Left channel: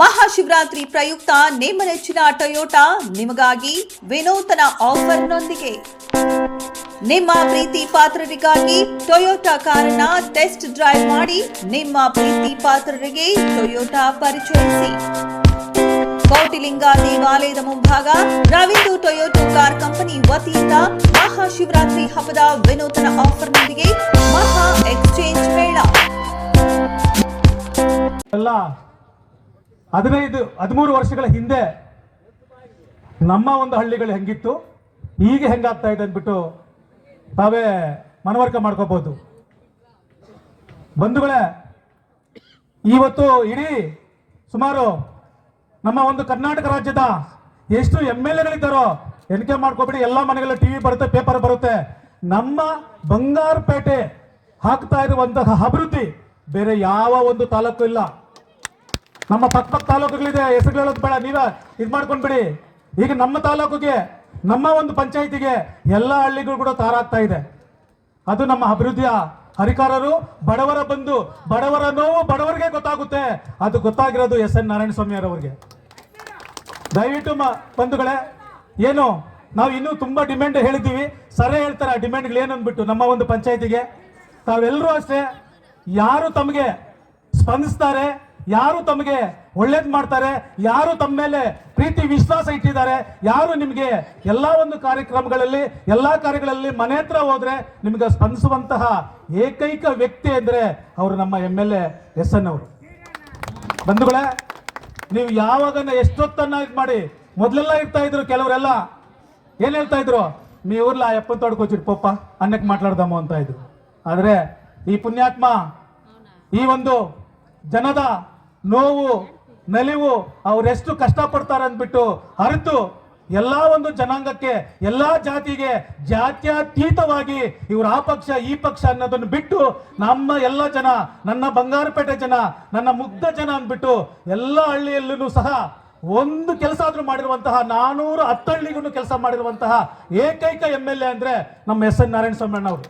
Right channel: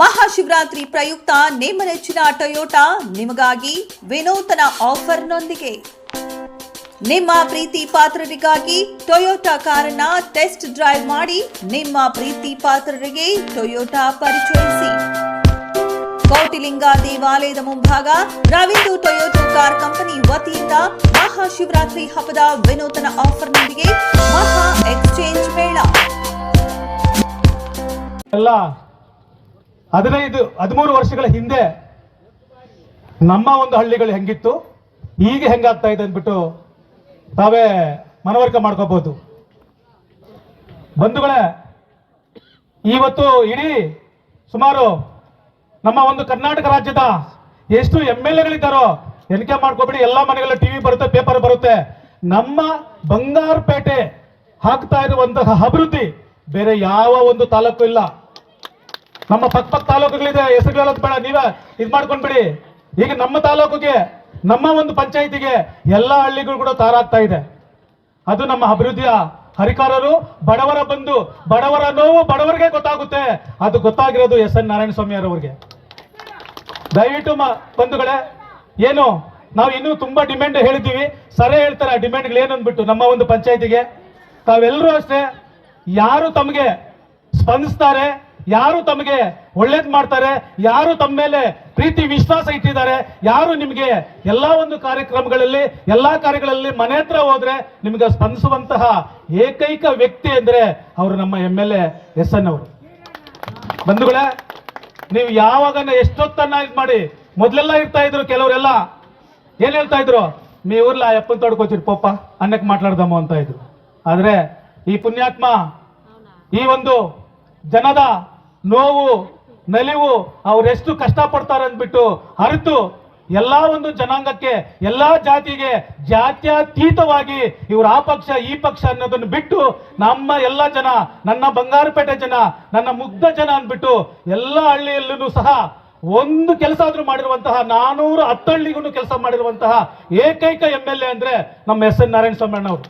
ಮಹಾಶಿವರಾತ್ರಿ ಪ್ರಯುಕ್ತ ನಿಮ್ಮ ನೆಚ್ಚಿನ ಟೊಯೋಟಾ ನಿಮಗಾಗಿ ವಿನೂತನ ಆಫರ್ನೊಂದಿಗೆ ನಿಮ್ಮ ಪ್ರೀತಿ ಪಾತ್ರರಿಗಾಗಿ ಟೊಯೋಟಾ ಕಾರನ್ನ ಟೆಸ್ಟ್ ಡ್ರೈವ್ ಮಾಡಿ ನಿಮ್ಮ ಪ್ರೀತಿ ಪಾತ್ರರಿಗೆ ಟೊಯೋಟಾ ಪರಿಚಯಿಸಿ. ಕೋಟಿಲಿಂಗ ದೇವಾಲಯದ ಮುಂಭಾಗ ರವೀಂದ್ರ ಟೊಯೋಟಾ ಕಾರ್ ಕಂಪನಿ ವತಿಯಿಂದ ಮಹಾಶಿವರಾತ್ರಿ ಹಬ್ಬದ ವಿನೂತನ ಆಫರ್ನೊಂದಿಗೆ ಮಹಾ ಎಕ್ಸ್ಚೇಂಜ್ ಮೇಳ. 15-13 ವರ್ಷಗಳ ಹಿಂದೆ ನಮ್ಮ ಒಂದು ಹಳ್ಳಿಗಳು ಹೆಂಗಿತ್ತು, ಈಗ ಹೆಂಗಾಗ್ತಾ ಇದೆ ಅಂದ್ಬಿಟ್ಟು ತಾವೇ ಮನವರಿಕೆ ಮಾಡ್ಕೋಬಹುದು. ಬಂಧುಗಳೇ, ಇವತ್ತು ಇಡೀ ಸುಮಾರು ನಮ್ಮ ಒಂದು ಕರ್ನಾಟಕ ರಾಜ್ಯದ ಎಷ್ಟು MLAಗಳಿದ್ದಾರೋ ಎಣಿಕೆ ಮಾಡ್ಕೋಬಿಡಿ. ಎಲ್ಲ ಮನೆಗಳ TV ಬರುತ್ತೆ, ಪೇಪರ್ ಬರುತ್ತೆ. ನಮ್ಮ ಬಂಗಾರಪೇಟೆ ಆಗ್ತಾ ಇರುವಂತಹ ಅಭಿವೃದ್ಧಿ ಬೇರೆ ಯಾವ ಒಂದು ತಾಲೂಕು ಇಲ್ಲ. ನಮ್ಮ ಪಕ್ಕ ತಾಲೂಕುಗಳಿದೆ, ಹೆಸರು ಹೇಳೋದು ಬೇಡ, ನೀವೇ ಇದು ಮಾಡ್ಕೊಂಡ್ಬಿಡಿ. ಈಗ ನಮ್ಮ ತಾಲೂಕಿಗೆ, ನಮ್ಮ ಒಂದು ಪಂಚಾಯಿತಿಗೆ ಎಲ್ಲ ಹಳ್ಳಿಗಳು ಕೂಡ ತಾರಾಗ್ತಾ ಇದೆ. ಅದು ನಮ್ಮ ಅಭಿವೃದ್ಧಿಯ ಹರಿಕಾರರು. ಬಡವರ ಬಂಧು, ಬಡವರ ನೋವು ಬಡವರಿಗೆ ಗೊತ್ತಾಗುತ್ತೆ. ಅದು ಗೊತ್ತಾಗಿರೋದು SN ನಾರಾಯಣಸ್ವಾಮಿ ಅವರಿಗೆ. ದಯವಿಟ್ಟು ಬಂಧುಗಳೇ, ಏನು ನಾವು ಇನ್ನೂ ತುಂಬಾ ಡಿಮ್ಯಾಂಡ್ ಹೇಳಿದ್ದೀವಿ, ಸರಿ ಹೇಳ್ತಾರೆ ಆ ಡಿಮ್ಯಾಂಡ್ಗಳು ಏನು ಅಂದ್ಬಿಟ್ಟು ನಮ್ಮ ಒಂದು ಪಂಚಾಯಿತಿಗೆ. ತಾವೆಲ್ಲರೂ ಅಷ್ಟೇ, ಯಾರು ತಮಗೆ ಸ್ಪಂದಿಸ್ತಾರೆ, ಯಾರು ತಮಗೆ ಒಳ್ಳೇದು ಮಾಡ್ತಾರೆ, ಯಾರು ತಮ್ಮ ಮೇಲೆ ಪ್ರೀತಿ ವಿಶ್ವಾಸ ಇಟ್ಟಿದ್ದಾರೆ, ಯಾರು ನಿಮಗೆ ಎಲ್ಲಾ ಒಂದು ಕಾರ್ಯಕ್ರಮಗಳಲ್ಲಿ ಎಲ್ಲಾ ಕಾರ್ಯಗಳಲ್ಲಿ ಮನೆ ಹತ್ರ ಹೋದ್ರೆ ನಿಮಗೆ ಸ್ಪಂದಿಸುವಂತಹ ಏಕೈಕ ವ್ಯಕ್ತಿ ಅಂದ್ರೆ ಅವರು ನಮ್ಮ MLA SN ಅವರು. ಬಂಧುಗಳೇ, ನೀವು ಯಾವಾಗ ಎಷ್ಟೊತ್ತನ್ನ ಇದು ಮಾಡಿ, ಮೊದಲೆಲ್ಲ ಇರ್ತಾ ಇದ್ರು ಕೆಲವರೆಲ್ಲ ಏನ್ ಹೇಳ್ತಾ ಇದ್ರು, మీ ఊర్లో ఎప్పని తోడుకొచ్చి ಪಪ್ಪ ಅನ್ನಕ್ಕೆ ಮಾట్లాಡ್ದಮ್ಮ ಅಂತ ಇದ್ರು. ಆದ್ರೆ ಈ ಪುಣ್ಯಾತ್ಮ ಈ ಒಂದು ಜನದ ನೋವು ನಲಿವು ಅವರೆಷ್ಟು ಕಷ್ಟಪಡ್ತಾರೆ ಅಂದ್ಬಿಟ್ಟು ಅರಿತು ಎಲ್ಲಾ ಒಂದು ಜನಾಂಗಕ್ಕೆ, ಎಲ್ಲಾ ಜಾತಿಗೆ ಜಾತ್ಯತೀತವಾಗಿ ಇವರು ಆ ಪಕ್ಷ ಈ ಪಕ್ಷ ಅನ್ನೋದನ್ನು ಬಿಟ್ಟು ನಮ್ಮ ಎಲ್ಲ ಜನ, ನನ್ನ ಬಂಗಾರಪೇಟೆ ಜನ, ನನ್ನ ಮುಗ್ಧ ಜನ ಅಂದ್ಬಿಟ್ಟು ಎಲ್ಲ ಹಳ್ಳಿಯಲ್ಲೂ ಸಹ ಒಂದು ಕೆಲಸ ಆದ್ರೂ ಮಾಡಿರುವಂತಹ 410 ಹಳ್ಳಿಗೂ ಕೆಲಸ ಮಾಡಿರುವಂತಹ ಏಕೈಕ MLA ಅಂದ್ರೆ ನಮ್ಮ SN ನಾರಾಯಣಸ್ವಾಮಿ ಅಣ್ಣ ಅವರು.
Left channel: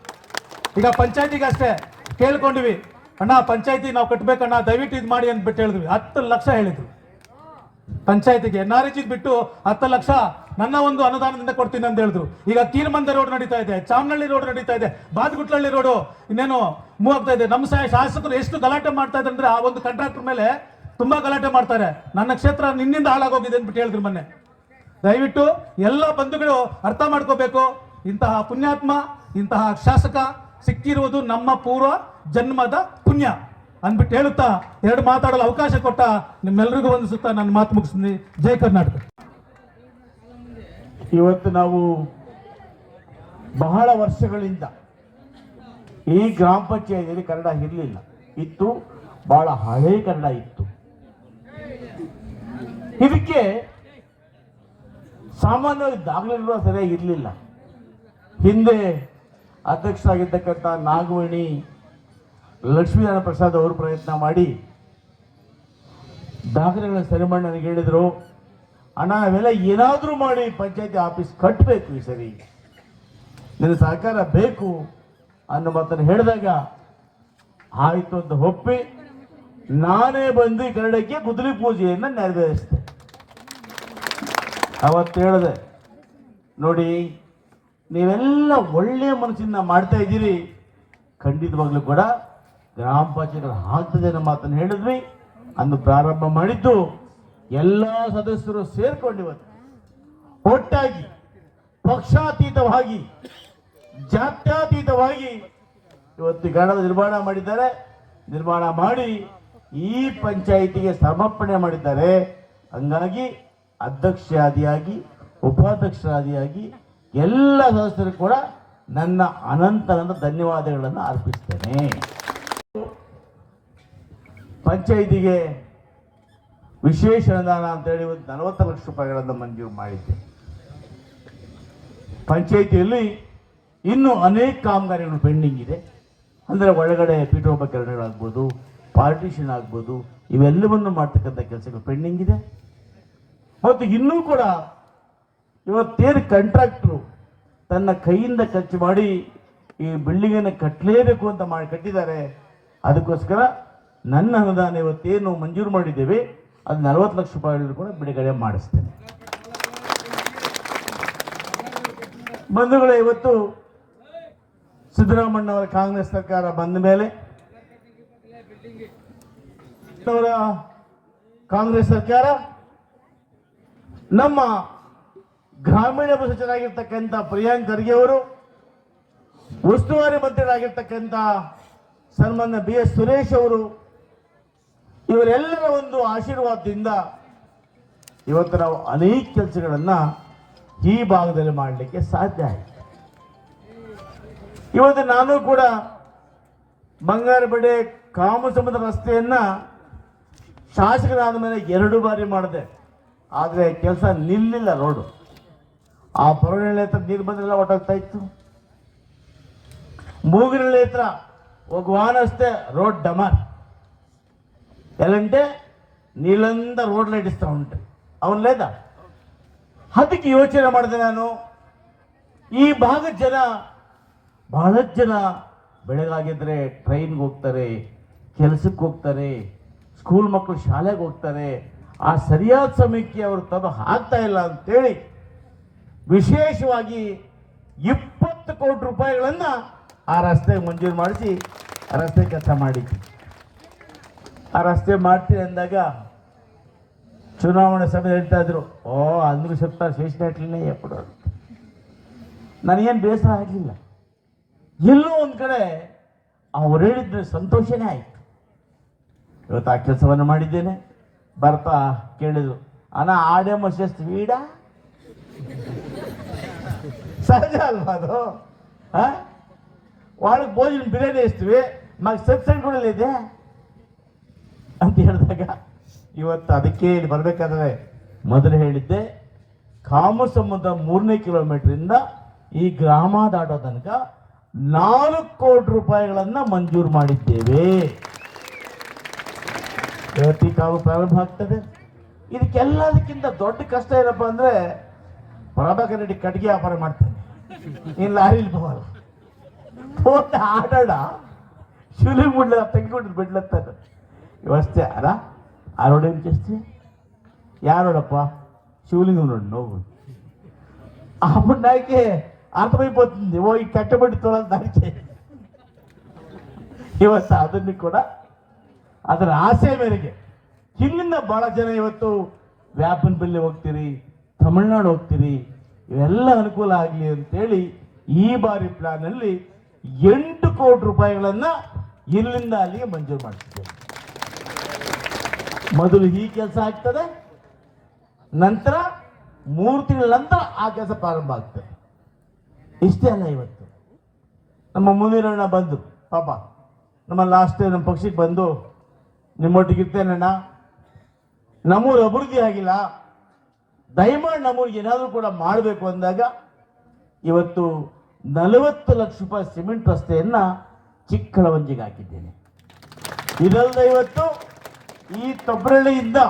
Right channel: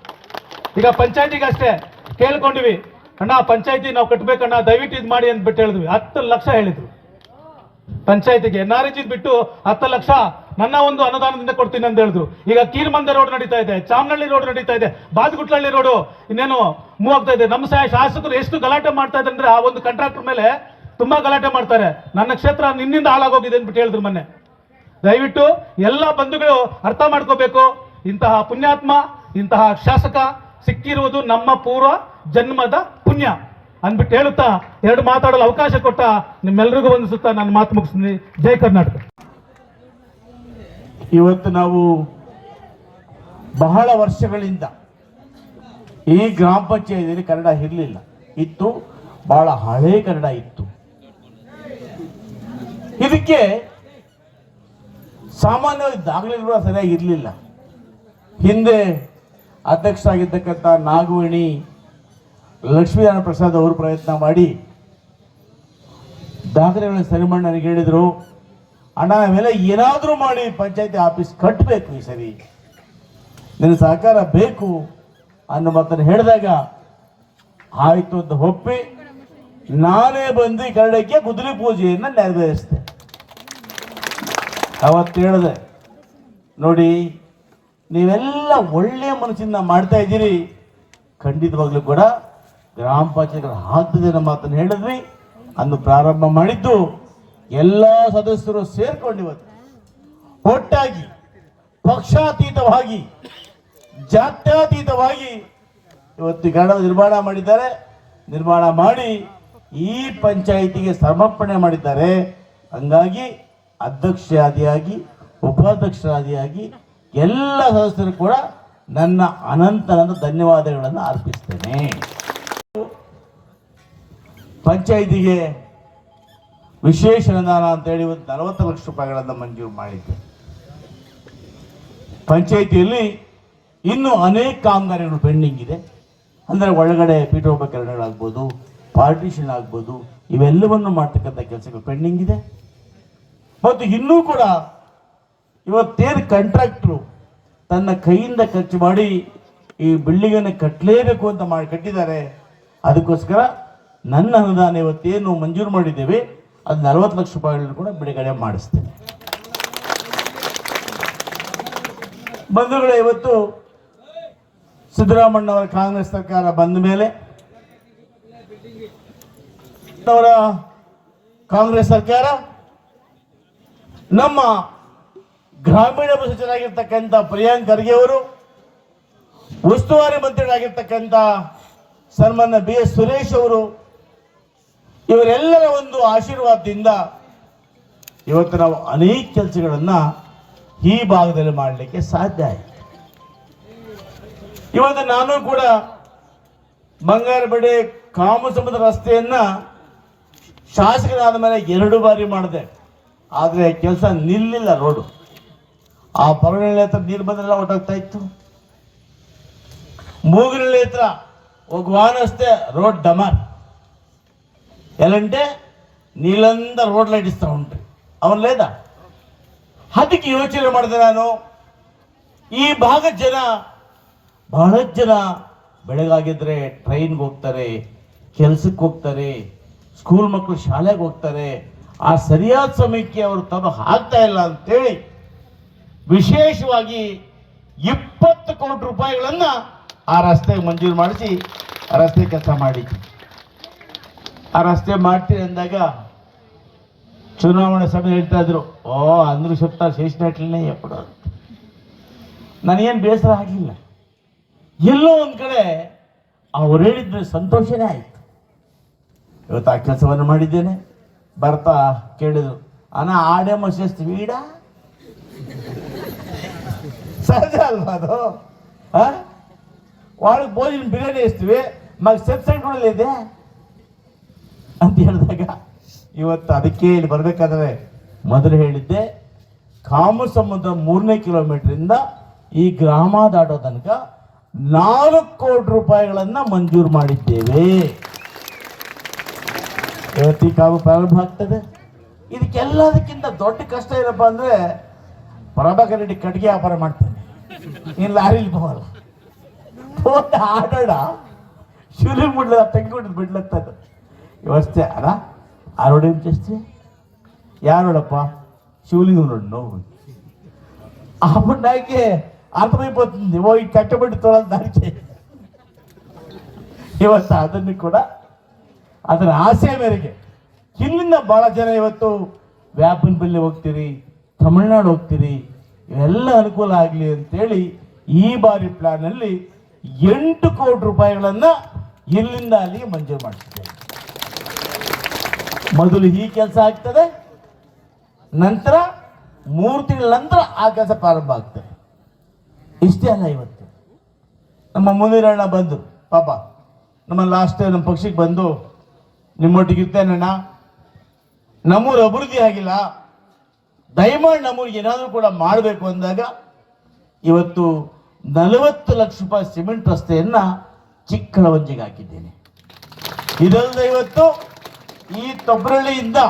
ಈಗ ಪಂಚಾಯತಿಗೆ ಅಷ್ಟೇ ಕೇಳ್ಕೊಂಡಿವಿ, ಅಣ್ಣ ಪಂಚಾಯತಿ ನಾವು ಕಟ್ಬೇಕಣ್ಣ ದಯವಿಟ್ಟು ಇದು ಮಾಡಿ ಅಂದ್ಬಿಟ್ಟು ಹೇಳಿದ್ವಿ. 10 ಲಕ್ಷ ಹೇಳಿದ್ರು ಪಂಚಾಯತಿಗೆ. NRG ಬಿಟ್ಟು 10 ಲಕ್ಷ ನನ್ನ ಒಂದು ಅನುದಾನದಿಂದ ಕೊಡ್ತೀನಿ ಅಂತ ಹೇಳಿದ್ರು. ಈಗ ಕೀರ್ಮಂದೆ ರೋಡ್ ನಡೀತಾ ಇದೆ, ಚಾಮನಹಳ್ಳಿ ರೋಡ್ ನಡೀತಾ ಇದೆ, ಬಾದ್ಗುಟ್ಲಹಳ್ಳಿ ರೋಡ್ ಇನ್ನೇನು ಮೂವ್ ಆಗ್ತಾ ಇದೆ. ನಮ್ಮ ಶಾಸಕರು ಎಷ್ಟು ಗಲಾಟೆ ಮಾಡ್ತಾ ಇದ್ದಾರೆ ಅಂದ್ರೆ ಆ ಒಂದು ಕಾಂಟ್ರಾಕ್ಟರ್ ಮೇಲೆ ತುಂಬಾ ಗಲಾಟೆ ಮಾಡ್ತಾರೆ. ನನ್ನ ಕ್ಷೇತ್ರ ನಿನ್ನಿಂದ ಹಾಳಾಗೋಗಿದೆ ಅಂದ್ಬಿಟ್ಟು ಹೇಳಿದ್ರು ಮೊನ್ನೆ. ದಯವಿಟ್ಟು ಎಲ್ಲ ಬಂಧುಗಳು ಅರ್ಥ ಮಾಡ್ಕೋಬೇಕು, ಇಂತಹ ಪುಣ್ಯಾತ್ಮ, ಇಂತಹ ಶಾಸಕ ಸಿಕ್ಕಿರುವುದು ನಮ್ಮ ಪೂರ್ವ ಜನ್ಮದ ಪುಣ್ಯ ಅಂದ್ಬಿಟ್ಟು ಹೇಳುತ್ತಾ 2 ಮಾತಾಡಲು ಅವಕಾಶ ಕೊಟ್ಟ ನಿಮ್ಮೆಲ್ಲರಿಗೂ ವಂದಿಸುತ್ತಾ ನಾನು ಮಾತು ಮುಗಿಸ್ತೀನಿ. ಜೈ ಕರ್ನಾಟಕ. ಇವತ್ತು ನಾವು ಬಹಳ ವರ್ಷಗಳಿಂದ ಈ ಗ್ರಾಮ ಪಂಚಾಯತಿಯಲ್ಲಿ ಕನ್ನಡ ಇರಲಿಲ್ಲ, ಇತ್ತು, ಬಹಳ ಹಳೆ ಕನ್ನಡ ಇತ್ತು. ಇದಕ್ಕೆ ಸಾಮಾನ್ಯವಾಗಿ ದಾಖಲೆಗಳು ಸರಿಯಾಗಿ ಇರಲಿಲ್ಲ. ಹಿಂದೆ ಅಧ್ಯಕ್ಷರಾಗಿದ್ದಕ್ಕಂಥ ನಾಗವೇಣಿ ಲಕ್ಷ್ಮೀನಾರಾಯಣ ಪ್ರಸಾದ್ ಅವರು ಪ್ರಯತ್ನ ಮಾಡಿ ದಾಖಲೆಗಳನ್ನ ಸರಿ ಮಾಡಿ ನನಗೆ ಹೇಳಿದರು, ಅಣ್ಣ ನಾವೆಲ್ಲ ಏನಾದರೂ ಮಾಡಿ ಪಂಚಾಯತಿ ಆಫೀಸ್ ಕಟ್ಟಬೇಕು, ಈ ಸರಿ ನಿನ್ನ ಸಹಕಾರ ಬೇಕು ಅನ್ನೋ ಮಾತನ್ನು ಹೇಳಿದಾಗ ಆಯಿತು ಅಂತ ಒಪ್ಪಿ ನಾನೇ ಬಂದು ಈ ಕನ್ನಡಕ್ಕೆ ಗುದ್ದಲಿ ಪೂಜೆಯನ್ನು ನೆರವೇರಿಸಿದೆ. ಅವತ್ತು ಹೇಳಿದೆ, ನೋಡಿ ನೀವೆಲ್ಲ ಒಳ್ಳೆಯ ಮನಸ್ಸಿಂದ ಮಾಡ್ತಾ ಇದ್ದೀರಿ, ಖಂಡಿತವಾಗ್ಲೂ ಕೂಡ ಗ್ರಾಮ ಪಂಚಾಯತ್ ಆಗ್ತದೆ ಅನ್ನೋ ಮಾತನ್ನು ಹೇಳಿದ್ವಿ. ಅಂದು ಪ್ರಾರಂಭ ಮಾಡಿದ್ದು ಎಲ್ಲ ಸದಸ್ಯರು ಸೇರ್ಕೊಂಡು ಇವತ್ತು ಒಟ್ಟಾಗಿ ಪಕ್ಷಾತೀತವಾಗಿ ಜಾತ್ಯತೀತವಾಗಿ ಇವತ್ತು ಕನ್ನಡ ನಿರ್ಮಾಣ ಮಾಡಿದ್ದಾರೆ. ನಿರ್ಮಾಣ ಮಾಡಿ ಈ ಪಂಚಾಯಿತಿಗೆ ಸಮರ್ಪಣೆ ಮಾಡಿದ್ದಾರೆ. ಹಂಗಾಗಿ ಅಧ್ಯಕ್ಷರಾದಿಯಾಗಿ ಉಪಾಧ್ಯಕ್ಷರಾದಿಯಾಗಿ ಎಲ್ಲ ಸದಸ್ಯರು ಕೂಡ ನನ್ನ ಅನಂತ ಧನ್ಯವಾದಗಳನ್ನು ಅರ್ಪಿಸ್ತೇನೆ. ಪಂಚಾಯಿತಿಗೆ ವಿಶೇಷ ಅನುದಾನ ಅಂತೇಳಿ ಒಂದು 40 ಲಕ್ಷ ರೂಪಾಯಿಗಳನ್ನು ಮಂಜೂರು ಮಾಡಿದ್ದೆ. ಪಂಚಾಯಿತಿಯಲ್ಲಿ ಇನ್ನೂ ಅನೇಕ ಕಾಮಗಾರಿಗಳು ಪೆಂಡಿಂಗ್ ಇದೆ. ಅಂದರೆ ಒಳಗಡೆ ಪೀಠೋಪಕರಣಗಳಾಗ್ಬೋದು, ಪಾರ್ಟಿಷನ್ ಆಗ್ಬೋದು, ಇವೆಲ್ಲವನ್ನು ಮಾಡ್ತಕ್ಕಂಥ ಕೆಲಸಗಳು ಪೆಂಡಿಂಗ್ ಇದೆ. ಮತ್ತು ಇನ್ನೂ ಕೂಡ ಇವತ್ತೇನು ಕಾಂಟ್ರಾಕ್ಟ್ರು ತನ್ನ ಕೈಯಿಂದ ಖರ್ಚು ಮಾಡಿ ಈ ಬಿಲ್ಡಿಂಗನ್ನು ಕಟ್ಟಲೇಬೇಕು ಅಂತ ಮಾಡಿ ಕಟ್ಟಿದ್ದಾರೆ. ಅದಕ್ಕೋಸ್ಕರ ನನ್ನ ಅನುದಾನ ಇವತ್ತೇನು ಮಂಜೂರು ಮಾಡಿದ್ದೇವೆ ಅದು 40 ಲಕ್ಷ ರೂಪಾಯಿಗಳನ್ನು ಕೂಡ ಬಿಡುಗಡೆ ಮಾಡಿಸ್ತೇನೆ. ಬಂಧುಗಳೇ, ಇವತ್ತು ಸಿದ್ದರಾಮಣ್ಣವರ ಕಾಂಗ್ರೆಸ್ ಸರ್ಕಾರ ಬಂದ ಮೇಲೆ ಅವರ ಕಾಂಗ್ರೆಸ್ ಸರ್ಕಾರ ನಮ್ಮ ಗ್ರಾಮೀಣ ಸಚಿವರಾಗಿರ್ತಕ್ಕಂಥ ಪ್ರಿಯಾಂಕ್ ಖರ್ಗೆ ಅವರು, ಉಸ್ತುವಾರಿ ಮಂತ್ರಿಗಳಾಗಿರ್ತಕ್ಕಂಥ ಸನ್ಮಾನ್ಯ BS ಸುರೇಶ್ ಅವರು, ಇವರೆಲ್ಲರ ಒಂದು ಆಶೀರ್ವಾದದಿಂದ ಇವತ್ತು ನಾವು ಅನೇಕ ಕೆಲಸಗಳನ್ನು ಈ ಭಾಗದಲ್ಲಿ ಮಾಡಲಿಕ್ಕೆ ಸಾಧ್ಯ ಆಯಿತು. ಇವತ್ತು ನಾನು ಕೂಡ ಬಂಗಾರಪೇಟೆ ಕಾಮಸಮುದ್ರ ರಸ್ತೆಯನ್ನು ಶಾಸಕರಾದ ಮೇಲೆ 2 ಬಾರಿ ಮಾಡಿದೆ. ಆದರೆ ಕೆಲಸ ನಿಲ್ಲಿಲ್ಲ. ರೋಡು ಆ ಪರವಳ್ಳಿ ಹತ್ರ ನೀರು ಬಂದೆಲ್ಲ ಹೊಟ್ಟೋಗ್ತಾ ಇತ್ತು. ಮೂಗಿನಳ್ಳಿ ಹತ್ರ ಹೋಗುವಾನ ಅಷ್ಟೇ ರೋಡ್ ಡಮಾರ್ ఎలాంటే నీళ్ళంతా రోడ్లు ఇస్తూ ఉంటాయి, అవును లేదా? ಅದಕ್ಕೆ ಯೋಚನೆ ಮಾಡಿದೆ ನಾನು, ಈ ಭಾಗದ ಜನ ಬಹಳಷ್ಟು ಜನ ಬೆಳಗಾಗಿದ್ರೆ ಟ್ರೈನ್ಗೆ ಹೋಗ್ತಾರೆ, ಕೆಲಸಕ್ಕೆ ಹೋಗ್ತಾರೆ, ಸ್ಕೂಲ್ ಮಕ್ಕಳು ಶಾಲೆಗೆ ಹೋಗ್ತಾರೆ. ಆ ಸರಿಯಾದ ಸಮಯಕ್ಕೆ ಅವರು ತಂದು ಹಾಕ್ತಾ ಇಲ್ಲ ಅಂತೇಳಿ ವಿಶೇಷವಾಗಿ 20 ಕೋಟಿ ರೂಪಾಯಿಗಳನ್ನು ಆ ರಸ್ತೆಗೆ ಮಂಜೂರು ಮಾಡಿಸಿ ಆ ರಸ್ತೆ ಕೆಲಸ ಮಾಡಿದ್ವಿ. ಆ ರಸ್ತೆ ಮಾಡ್ತೀರಿ ಅಂದಾಗ ಚುನಾವಣೆ ಸಮಯ ಹೇಳ್ತಾ ಇದ್ರು, ಅಂದ್ರು ಸಪ್ತಾಹ ಶೇಷನಾಟ್ಲೇ ಎಪ್ಪಡು. ನನಗೇನು ಬೇಸರ ಆಗಲಿಲ್ಲ. ಎಲ್ಲೋ ಒಂದು ಕಡೆ ಅವ್ರು ಹೇಳಿದ್ರೆ ಸಂತೋಷನೇ ಆಯಿತು. ಇವತ್ತು ಆ ಕೆಲಸವನ್ನು ಮಾಡಿದ್ದೇನೆ. ಬರ್ತಾ ಕೇಳಿದ್ರು, ಅಣ್ಣ ಆಡೆ ಮಸ್ತ್ ವೀಡ ಸಹಜ ಅಲ್ವಾ ಅದು? ಒಳಗೆ ಭೋಜನ ಬಿರಿಯಾನಿ ಇಸ್ತೀವಿ, ಮಗ ಸಬ್ಸಿಡಿ ಇದೆ ಅಂತ ಹೇಳಿದಾಗ ಇವತ್ತು ಅದಕ್ಕೆ ಇಲ್ಲಿ ಬರಬೇಕಾದ್ರೆ ಮೊದಲು ಹೇಳಿದ್ದೆ, ಕಾಮಸಮುದ್ರ 3ನೇ ಕಿಲೋಮೀಟರಿಂದ ಈ ಗ್ರಾಮ ದಾಟೋ ತನಕ 4 ಕೋಟಿ ರೂಪಾಯಿಗಳನ್ನು ಮಂಜೂರು ಮಾಡಿದ್ದೇವೆ. ಇವತ್ತು ಈ ಕಾಲು ಪ್ರಾರಂಭ ಆಗ್ತದೆ. ಇದಕ್ಕೆಲ್ಲದಕ್ಕಿಂತ ದೊಡ್ಡ ಕಷ್ಟ ಏನಪ್ಪ ಅಂದರೆ, ಪ್ರಭಾಕರ್ ರೆಡ್ಡಿ ಕಟ್ಟಿಗೆ ವ್ಯಾಪಾರ ಮಾಡ್ತೇನೆ, ಇನ್ನು ಲಾರಿಲಿ ಹೋಗಲ್ಲ. ಆಡೋಣ ಶಿವಲಿಂಗ ಬಿಡ್ಲ ತೆಗೆದುಕೊಂಡು ಬಿಡ್ಲತ್ತದ ಇವಷ್ಟೇ. ಅಲ್ಲ ಆ ರೋಡ್ ఏం చేస్తే యారోడప్ప శివలింగం రోడ్ నువ్వు అప్పుడు నాకే అర్థమైపోతుంది, ఓ ఈ కట్టబడి తోడాలి దానికి. ಇವತ್ತು ಅದನ್ನು ಕೂಡ ಅದರ ಆಸೆ ಮೇರೆಗೆ ಇಲ್ಲಿಂದ ಭಾಳ ಜನ ಇವತ್ತು ವ್ಯಾಪನಪಲ್ಲಿ ಹೋಗ್ತೀರಿ, ತಮಿಳ್ನಾಡು ಹೋಗ್ತೀರಿ, ಇವೆಲ್ಲ ಅನುಕೂಲ ಆಗಲಿ ಅಂತೇಳಿ ಈ ಬಾರಿ ಪ್ಲಾನಲ್ಲಿ 8 ಕೋಟಿ ರೂಪಾಯಿಗಳನ್ನು ಇಲ್ಲಿಂದ ಅಲ್ಲಿಗೆ ಮಂಜೂರು ಮಾಡ್ತಿದ್ದೇವೆ. ಮೊದಲು ಈ ಕೆಲಸ ಆಗ್ತದೆ, ನಂತರ 3 ತಿಂಗಳ ನಂತರ ಆ ಕೆಲಸ ಪ್ರಾರಂಭ ಆಗ್ತದೆ. ಇಷ್ಟೇ ಅಲ್ಲ, ಇವತ್ತು ನಮ್ಮ ಮುಂದಿನ ಬಂದು ಪಾಪ ನಮ್ಮ ಲಾಸ್ಟ್ ನಮ್ಮ ಪಕ್ಷಕ್ಕೆ ಬಂದು, ನಿಮ್ಮೊಟ್ಟಿಗೆ ಇರ್ತೇನಣ್ಣ, ನಮ್ಮೂರು ಅಭಿವೃದ್ಧಿ ಆಗಿಲ್ಲ, ದಯಮಾಡಿ ನಮ್ಮೂರಿಗೆ ಏನಾದರೂ ಕೂಡ ಮಾಡಬೇಕು ಅಂದಾಗ ಇವತ್ತು 40 ಲಕ್ಷ ರೂಪಾಯಿ ಸಿಮೆಂಟ್ ರಸ್ತೆಯನ್ನು ಚಿಕ್ಕಳವಂಜಿಗೆ ಹಾಕಿದ್ದೇನೆ. ಇದಲ್ಲದೆ ಇವತ್ತು ಈ ತೊಬ್ರಳ್ಳಿಯಿಂದ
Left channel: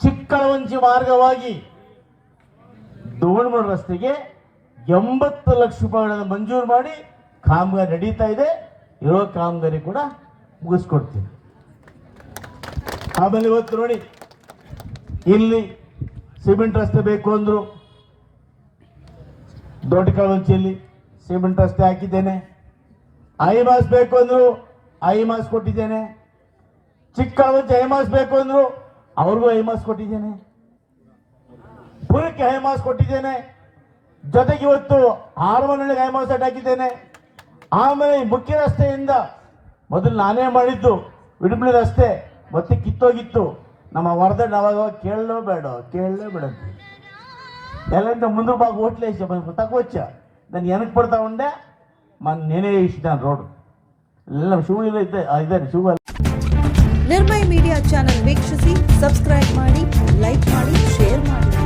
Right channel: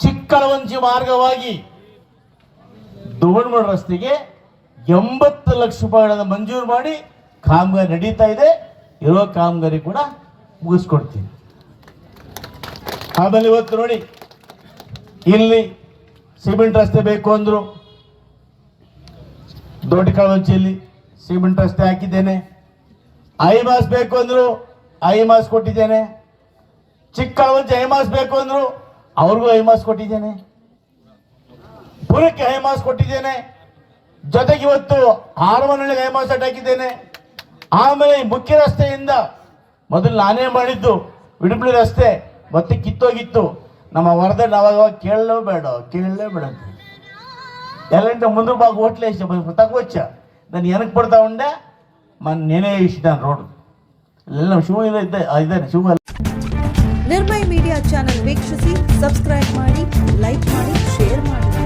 ಚಿಕ್ಕಳವಂಜಿ ಮಾರ್ಗವಾಗಿ ದೋಣಮೂಡ ರಸ್ತೆಗೆ 80 ಲಕ್ಷ ರೂಪಾಯಿಗಳನ್ನು ಮಂಜೂರು ಮಾಡಿ ಕಾಮಗಾರಿ ನಡೀತಾ ಇದೆ. ಇರುವ ಕಾಮಗಾರಿ ಕೂಡ ಮುಗಿಸ್ಕೊಡ್ತೀನಿ. ಆಮೇಲೆ ಇವತ್ತು ನೋಡಿ, ಇಲ್ಲಿ ಸಿಮೆಂಟ್ ರಸ್ತೆ ಬೇಕು ಅಂದರು, ದೊಡ್ಡ ಕಳವಂಚಿಯಲ್ಲಿ ಸಿಮೆಂಟ್ ರಸ್ತೆ ಹಾಕಿದ್ದೇನೆ. ಐಮಾಸ್ ಬೇಕು ಅಂದರು, ಐಮಾಸ್ ಕೊಟ್ಟಿದ್ದೇನೆ. ಚಿಕ್ಕಳವಂಚಿ ಐಮಾಸ್ ಬೇಕು ಅಂದರು, ಅವ್ರಿಗೂ ಐಮಾಸ್ ಕೊಟ್ಟಿದ್ದೇನೆ. ಪುರಕ್ಕೆ ಐಮಾಸ್ ಕೊಟ್ಟಿದ್ದೇನೆ. ಜೊತೆಗೆ ಇವತ್ತು ಹಾರಮನಹಳ್ಳಿಗೆ ಐಮಾಸ್ ಹಾಕಿದ್ದೇನೆ. ಆಮೇಲೆ ಮುಖ್ಯ ರಸ್ತೆಯಿಂದ ಮೊದಲು ನಾನೇ ಮಾಡಿದ್ದು ವಿಡುಪುಳಿ ರಸ್ತೆ ಮತ್ತೆ ಕಿತ್ತೋಗಿತ್ತು. ನಮ್ಮ ವರದೆ ನಾವಾಗ ಕೇಳಲೇಬೇಡ ಅಂತ ಎಲ್ಲ ಮುಂದೆ ಬಾಗ ಹೋಟ್ಲೆ ತಗೋಚ್ಚ ನಾನು ಏನಕ್ಕೆ ಪಡ್ತಾ ಉಂಡೆ నేనే ಇಷ್ಟ ರೋಡ್ ಎಲ್ಲ ಶಿವ ಇದ್ದಾನೆ ಶಿವ. ನಿರ್ಭಯ್ ಮೀಡಿಯಾ ಚಾನೆಲ್ ವೀಕ್ಷಿಸಿ, ಸಬ್ಸ್ಕ್ರೈಬ್ ಮಾಡಿ, ಲೈಕ್ ಮಾಡಿ, ಶೇರ್ ಮಾಡಿ.